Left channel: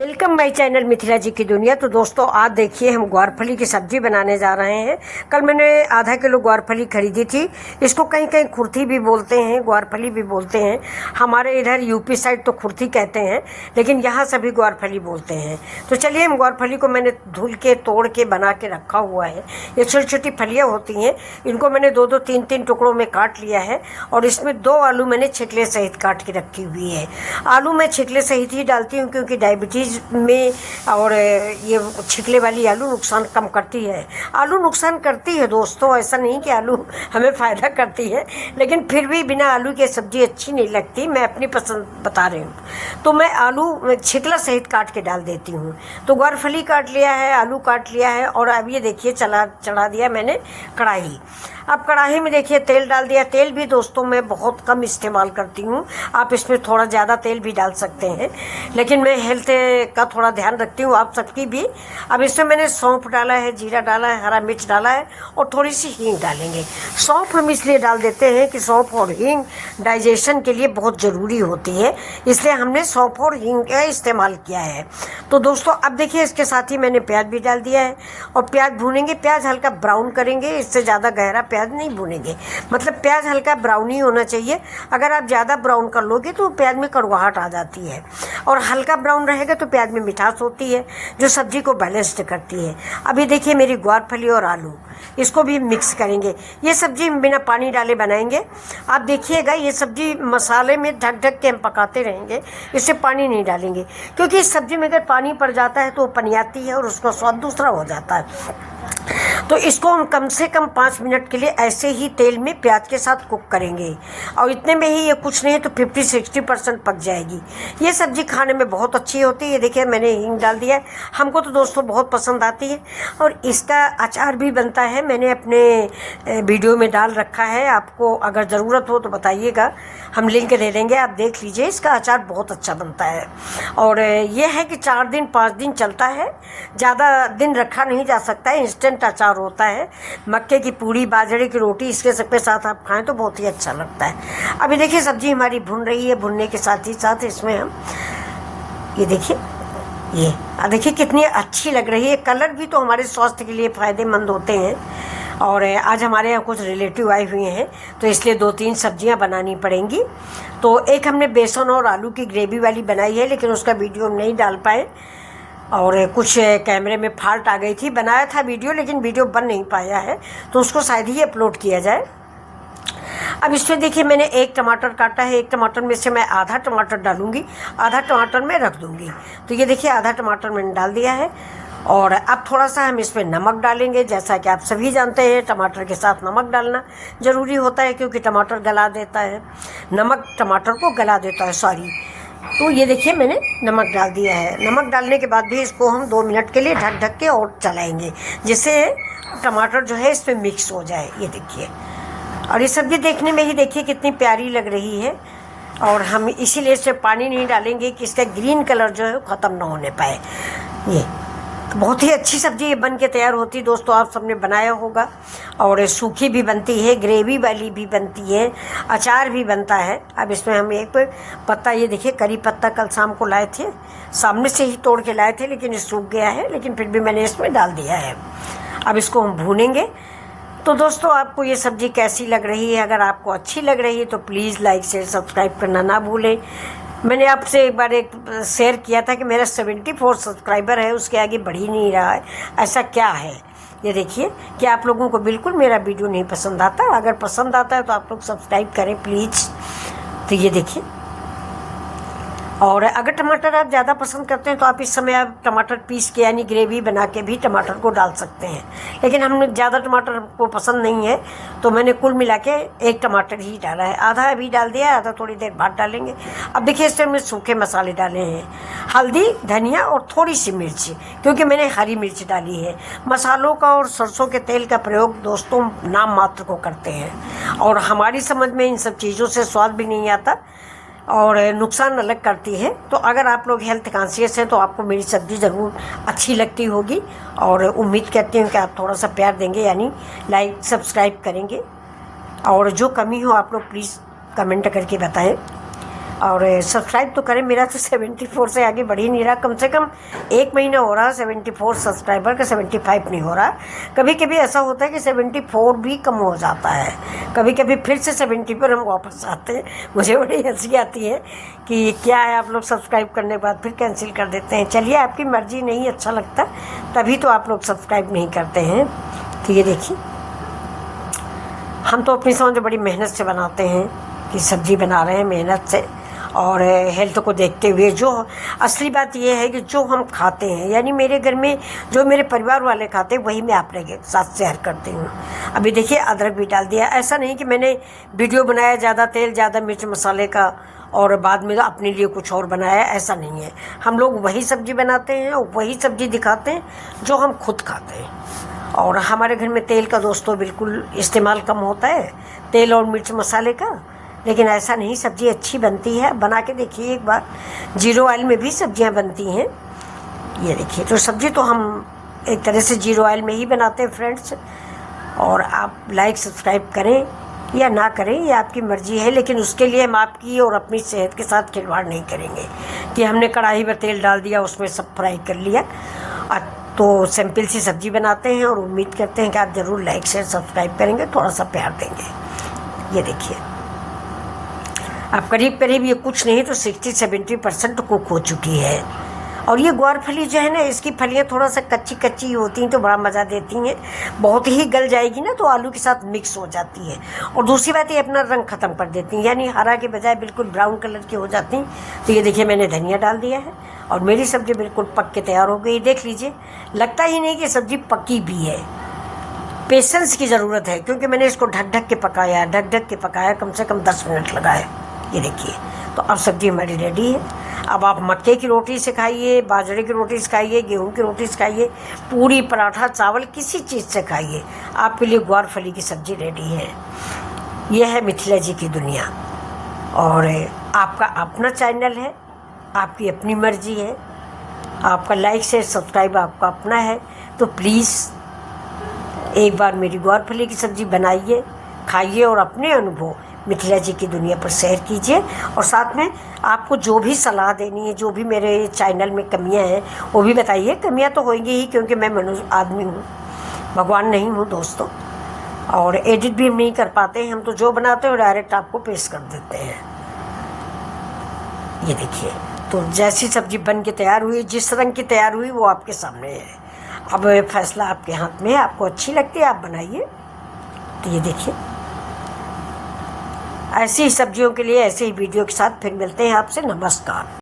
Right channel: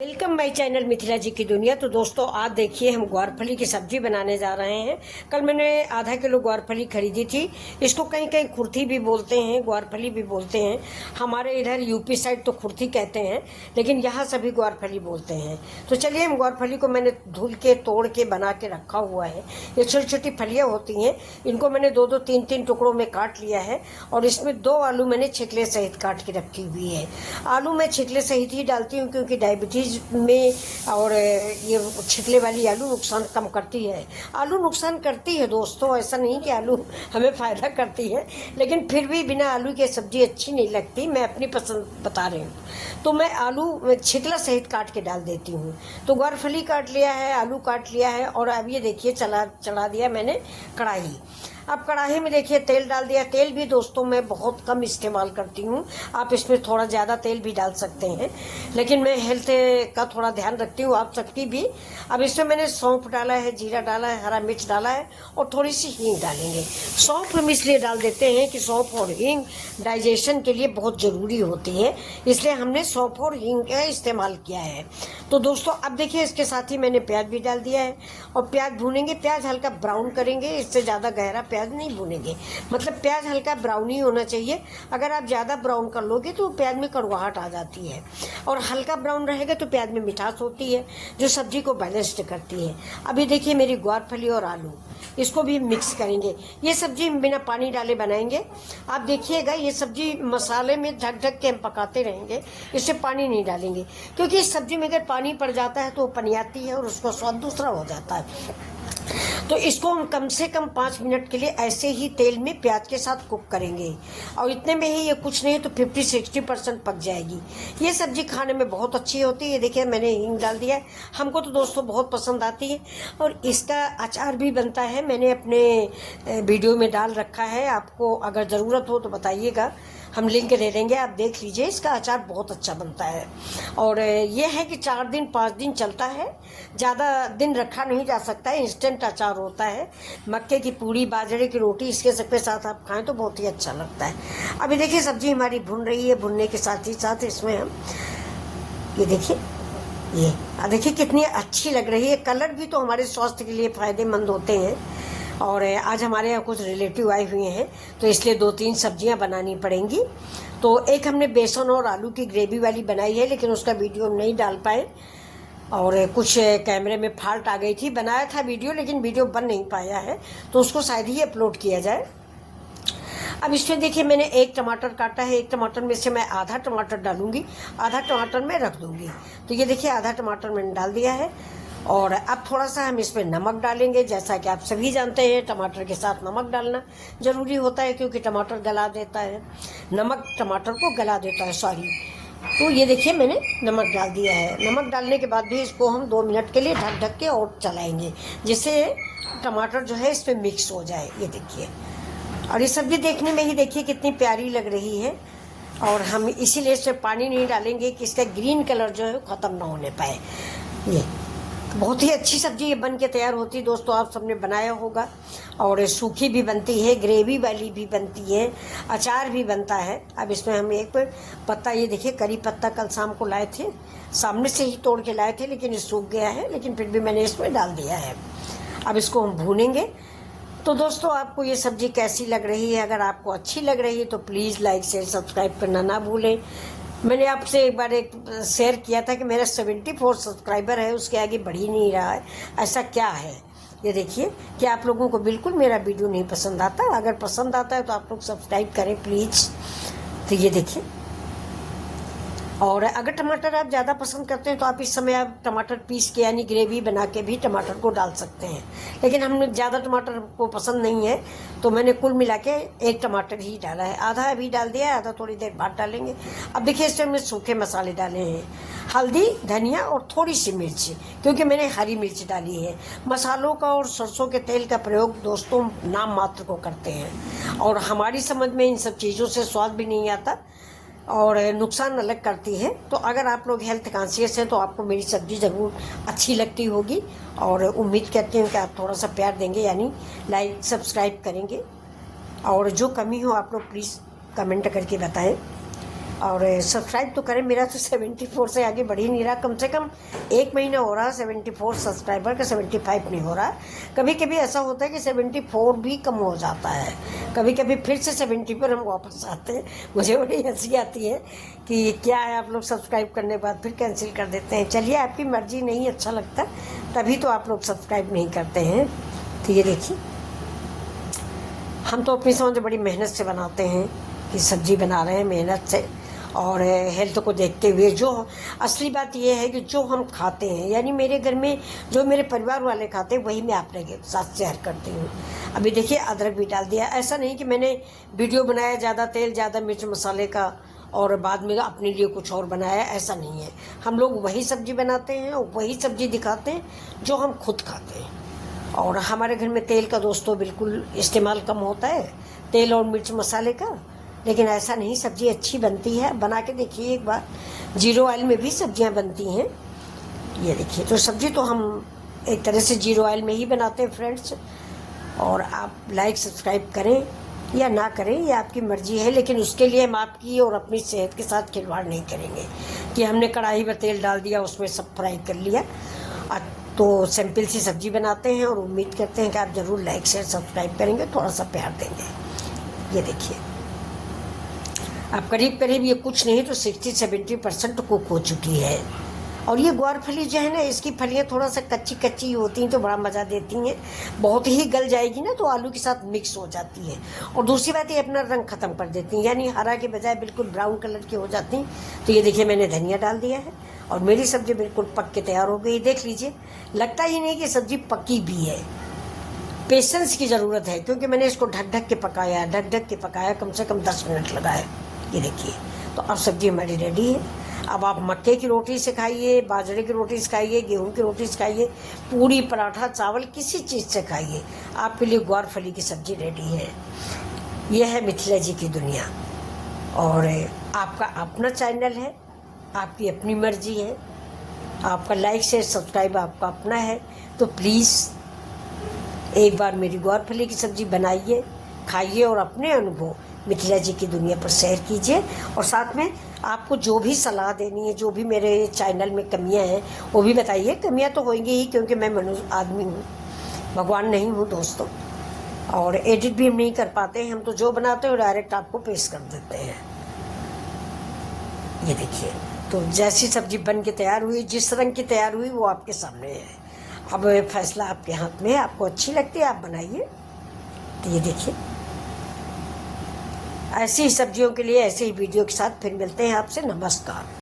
Welcome my channel Mithila जी की दुनिया। तो दोस्तों आज देखिए हम ग्वारफली की सब्जी बनाने जा रहे हैं। कल मैंने आधा किलो ग्वारफली खरीदी थी। इसको कहीं कहीं खुरथी भी बोलते हैं, ग्वारफली भी बोलते हैं। हमारे इधर यूपी साइड तो खुरथी कहते हैं, लेकिन यहाँ सभी ग्वारफली बोलते हैं। तो चलिए हम ग्वारफली को मैंने धुल के तोड़ के बना के रखा हुआ है। ये छोटी छोटी फलियाँ होती हैं, इनको मैंने दो दो तीन तीन टुकड़ों में काट लिया है और इसमें 2 आलू मैंने छिकले सहित काट के रखी हुई है। आलू मैं छिकले सहित ही डालती हूँ क्योंकि डायबिटीज में और ये छिकले वाली आलू नुकसान कम करती है। आलू नुकसान करती है दोस्तों, ऐसा नहीं कि आलू हमें फ़ायदा करती है, लेकिन फिर भी बिना आलू के सब्ज़ी अच्छी नहीं लगती। मैं अपनी पसंद बता रही हूँ, तो मैं आलू छिकला सहित काट के डाल देती हूँ। तो ग्वारफली काट लिया है, आलू काट लिया है और अब ये देखिए चढ़ा दिया मैंने कढ़ाई। अब कढ़ाई में देखिए तेल डाल दिया। तेल भी दोस्तों मैं बहुत कम इस्तेमाल करती हूँ, आप इसमें थोड़ा ज़्यादा तेल भी डाल सकते हैं, लेकिन मैं हेल्थ का थोड़ा ध्यान रखती हूँ, आप सबकी भी। अब इसमें मैंने सौंफ डाला है, जीरा डाला है, हरा मिर्च डाला है और थोड़ी सी हींग डालेंगे। सौंफ हम इसलिए डाल देते हैं कि सौंफ और हींग डाइजेशन के लिए बहुत ज़रूरी होती है, इसलिए हमने सौंफ और हींग का इस्तेमाल किया है। तो दोस्तों अब देखिए इसके साथ ही मैंने प्याज भी डाल दिया है और प्याज भूनेंगे। प्याज हल्का ब्राउन करेंगे, इससे ज़्यादा गहरा प्याज नहीं भूनेंगे, मतलब प्याज हल्का ब्राउन ही होना चाहिए। अगर आप ज़्यादा ब्राउन कर लोगे तो प्याज में कड़वाहट आ जाती है, और हल्का ब्राउन रहेगा तो प्याज में मिठास होती है जो सब्जी को बैलेंस्ड करती है। अभी देखिए मेरी ग्वारफली और आलू, इसको भी मिक्स करेंगे। ये सब्जी बिना पानी डाले बनाएंगे। आप देखिएगा ये सब्जी मसाले में ढक ढक के हम पकाते रहेंगे, इससे पानी नहीं डालेंगे, क्योंकि इस सब्जी में अगर पानी पड़ जाता है तो वो पनियाती है और उसका स्वाद दूसरा हो जाता है। तो इसको हम कम से कम 5 मिनट के लिए ऐसे ही तेल में प्याज के साथ कुक करेंगे, और इतने में ही ये कुछ नहीं तो 50-60% पक जाएगी। ये सब्जी खाने में बहुत अच्छी होती है। ये देखिए मैंने हींग डाल दिया है, हमको तो दोस्तों बहुत पसंद आती है। और इसका अचार भी बनता है, मैंने अपने वीडियो में डाल रखा है, आपको अगर ज़रूरत हो तो बताइएगा, हम लिंक दे देंगे, आप देख लीजिए। इसका अचार बहुत अच्छा बनता है और ये है कि 4 दिन 5 दिन चलता है, ज़्यादा दिन रखा नहीं जा सकता है। इंस्टेंट अचार होता है। मक्के की पूड़ी, बाजरे की रोटी, इसके सबके साथ आप खाएं तो बहुत ही अच्छा लगता है। अभी देखिए सब्जी हमारी भुन रही है, भुनने के साथ ही साथ इसमें हम ये देखिए देखिए कितनी अच्छी लग रही है। कलर भी तो हमारे स्वास्थ्य के लिए फ़ायदेमंद होते हैं। और आज हमारे यहाँ कुछ रिलेटिव आए हुए हैं तो इसलिए 2-3 सब्जियाँ बनानी पड़ेंगी। तो एक हमने बेसन और आलू की ग्रेवी वाली बनाई है, लेकिन उसका वीडियो हम नहीं डाल पाए और कुछ कैमरे में फॉल्ट आ गई थी। बनाया था वीडियो, लेकिन वीडियो बन नहीं पाया है, तो उसको शायद ही अपलोड किया जाए। अब इसमें देखिए मैंने 1 टमाटर काटा है, 1 टमाटर में से मैं आधा टमाटर डालूंगी, आधा टमाटर में रख दूंगी। तो ये देखिए आधा टमाटर मैंने डाल दिया है। और अब थोड़ा सा हम इसमें नमक डालेंगे। जैसा कि आप सभी जानते हैं टमाटर के साथ नमक डालना ज़रूरी होता है, क्योंकि टमाटर गला देता है, नमक टमाटर को गला देता है, सॉरी। तो ये देखिए मैंने नमक डाल दिया है। नमक डालने के बाद भी इसको हम 2 मिनट के लिए ढक ढक के और चलाएंगे, जिससे टमाटर जो है इसमें मिक्स हो जाए। ये देखिए, और ये सब्ज़ी देखने में ही देखिए कितनी प्यारी लग रही है। और हम इसीलिए इसमें पानी नहीं डालेंगे कि इसका ग्रीन कलर जो है ख़त्म ना होने पाए। ये तो बहुत ही अच्छी सब्ज़ी ये बन के तैयार होती है दोस्तों, आप सबने बनाया होगा। और सूखी भी बनती है, ग्रेवी वाली भी बनती है, अचार भी बनता है। अब इसमें हम एक पत्ता, ये देखिए करी पत्ता कल शाम को लाए थे, सामने से ही तोड़ के लाए थे, लेकिन ये सूख गया है, लेकिन फिर भी मैंने इसमें डाल दिया है। अब इसको हम भूनेंगे। तो दोस्तों आपको ये सब्ज़ी कैसी लग रही है? अगर आपको अच्छी लग रही है तो प्लीज़ लाइक शेयर सब्सक्राइब करना ना भूलें। मैंने आपसे एक बार शेयर किया था कि मेरा 74 सब्सक्राइबर है, उसके आगे बढ़ ही नहीं रहा है, ऐसा क्या है? ये देखिए कि आप लोगों को बिल्कुल मेरा वीडियो नहीं पसंद आता। अगर पसंद आता है तो आप लोग सब्सक्राइब करें प्लीज़। तो ये देखिए, और अगर टमाटर आप ज़्यादा पसंद करते हैं तो आप इस समय आप टमाटर पीस के यानी ग्रेवी बना के भी टमाटर को डाल सकते हैं, लेकिन हमने ज़्यादा टमाटर को पसंद नहीं है तो मैंने कुल मिला के 1 टमाटर ही डाला है। आधा अभी डाल दिया है, आधा थोड़ी देर बाद डालेंगे। अब देखिए इसमें हमने सूखे मसाले डाले हैं, हल्दी, धनिया और थोड़ी सी मिर्च, क्योंकि मैंने हरी मिर्च डाली है। मसालों का और सरसों के तेल का प्रयोग दोस्तों नाम मात्र को करते हैं, और हमारी समझ में इन सब चीज़ों से स्वाद भी नहीं आता और नुकसान अलग करती है। तो अगर आप लोग हेल्थ कॉन्शियस हैं तो आपको मेरी सब्ज़ी ज़रूर अच्छी लगती होगी, और उम्मीद करती हूँ कि आप थोड़ा सा प्यार देंगे, यानी लाइक सब्सक्राइब करेंगे। और जो कमी हो आप लोग प्लीज़ कमेंट करके बताएं। और सब्सक्राइब तो करें। मेरा तो 74 से आगे बढ़ ही नहीं रहा, कम से कम 1 महीना हो रहा 74 सब्सक्राइबर का, 75 नहीं हो रहा। कभी कभी ऐसा होता है कि 74 भी कम हो जाता है, कभी कभी फिर से 70 पर हम वापस आते हैं। मुझे बड़ी हंसी आती है कि क्या है, आप लोग सब्सक्राइब करने के बाद फिर कैंसिल कर देते हैं। चलिए, आपकी मर्जी, नहीं अच्छा लगता तभी तो आप लोग सब्सक्राइब नहीं करते हैं। तो ये देखिए, हम तो अपनी समझ बड़ी मेहनत से बनाते हैं कि सब्ज़ी बना रहे हैं मेहनत से, और हेल्थ को देखते हुए। जो असली बात ये है कि जो हम खाते हैं, यानी मेरे घर में जो मेरे परिवार वाले खाते हैं, वही मैं आपके साथ शेयर करती हूँ। अभी देखिए, अदरक भी डाल दिया। ऐसा नहीं कि मैंने वीडियो बनाया ज़्यादा तेल ज़्यादा मिर्च मसाले का और बाद में अपने लिए कुछ और बनाया, ऐसा नहीं है। हम लोग वही सब्ज़ी बनाते हैं और वही सब्ज़ी दिखाते हैं जो हम खुद खाते हैं। और हमारे घर में तेल का दोस्तों बिल्कुल इस्तेमाल कम होता है, तेल और मिर्च मसाले का। लेकिन ऐसा नहीं, सब्ज़ी अच्छी बनती है, बना के देखिए एक बार। जीरो ऑयल में भी सब्जियां बनती हैं। ये देखिए, तो सब्ज़ी तो हम एक तरह से जीरो ऑयल में ही बनाते हैं फ्रेंड्स। और आप लाइक सब्सक्राइब करें या ना करें, ये आपकी मर्ज़ी है, लेकिन उसके लिए हम आपकी और अपनी सेहत के साथ खिलवाड़ नहीं करेंगे कि हमने कढ़ाई में तेल डाल दिया, उसमें सब फ्राई कर लिया। तो सिंपल सी सब्ज़ी बनाते हैं और उम्मीद करते हैं कि आप ज़रूर लाइक शेयर सब्सक्राइब करेंगे, थोड़ा सा प्यार देंगे। ये देखिए, अब करीब करीब ये कुछ नहीं तो 60-70% कुक हो चुकी है। और ये ग्वार फली जो है ना, इसकी फलियाँ थोड़ा सा कच्ची कच्ची होती हैं तो बड़ा मज़ा देती हैं। बहुत ही गल जाएगी ना तो आलू के साथ मिक्स हो जाती है। और दूसरी बात, ये अपना रंग ख़त्म कर देती हैं, यानी हरा के बजाय बिल्कुल ब्राउन कलर की हो जाती हैं। तो ये देखिए, मैंने धनिया डाल दिया है और मेरी सब्ज़ी बिल्कुल पक के तैयार हो गई। देख लीजिए, लगता ही नहीं कि सब्ज़ी पकी भी है। पेशेंस की ज़रूरत है, क्योंकि मैंने इसको ढक ढक के पकाया, कम से कम 10 मिनट लगाए। ये देखिए, तो अब सब्ज़ी हमारी रेडी है। अब आप मक्के की रोटी से खाइए, बाजरे की रोटी से खाइए, गेहूं की रोटी से खाइए, पूरी पराठा चावल किसी चीज़ से खाइए, आपके लिए ग्वार फली की सब्ज़ी रेडी है। यह है मिथिला जी की दुनिया। और आपका अपना चैनल है, आपकी अपनी मर्जी है, आपका लाइक शेयर सब्सक्राइब आपका अपना है। तो प्लीज़ एक बार मेरी ग्वार फली की सब्ज़ी बनाइए, खाइए और अपने अनुभव मिथिला जी की दुनिया पर शेयर कीजिए। और साथ में आपको जो भी सलाह देनी है, जो भी मेरे चैनल में कमियां हैं, वो भी बताइए। कमियां तो होंगी ही, क्योंकि मैं मनुष्य आदमी हूँ, भगवान नहीं हूँ दोस्तों। और एडिट भी हम नहीं कर पाते हैं, हम तो जो बनाते हैं डायरेक्ट आपको पेश कर देते हैं। ये देखिए, तो जैसी सब्ज़ी बन के तैयार हुई, जिस रंग की तैयार हुई, वो आपके सामने है। अब फैसला आपके हाथ में है, आपको अच्छी लगती है आप बनाइए। तो ये देखिए, ऐसी ही सब्जियों के लिए ऐसे ही वीडियो के साथ फिर मिलते हैं आपसे। नमस्कार।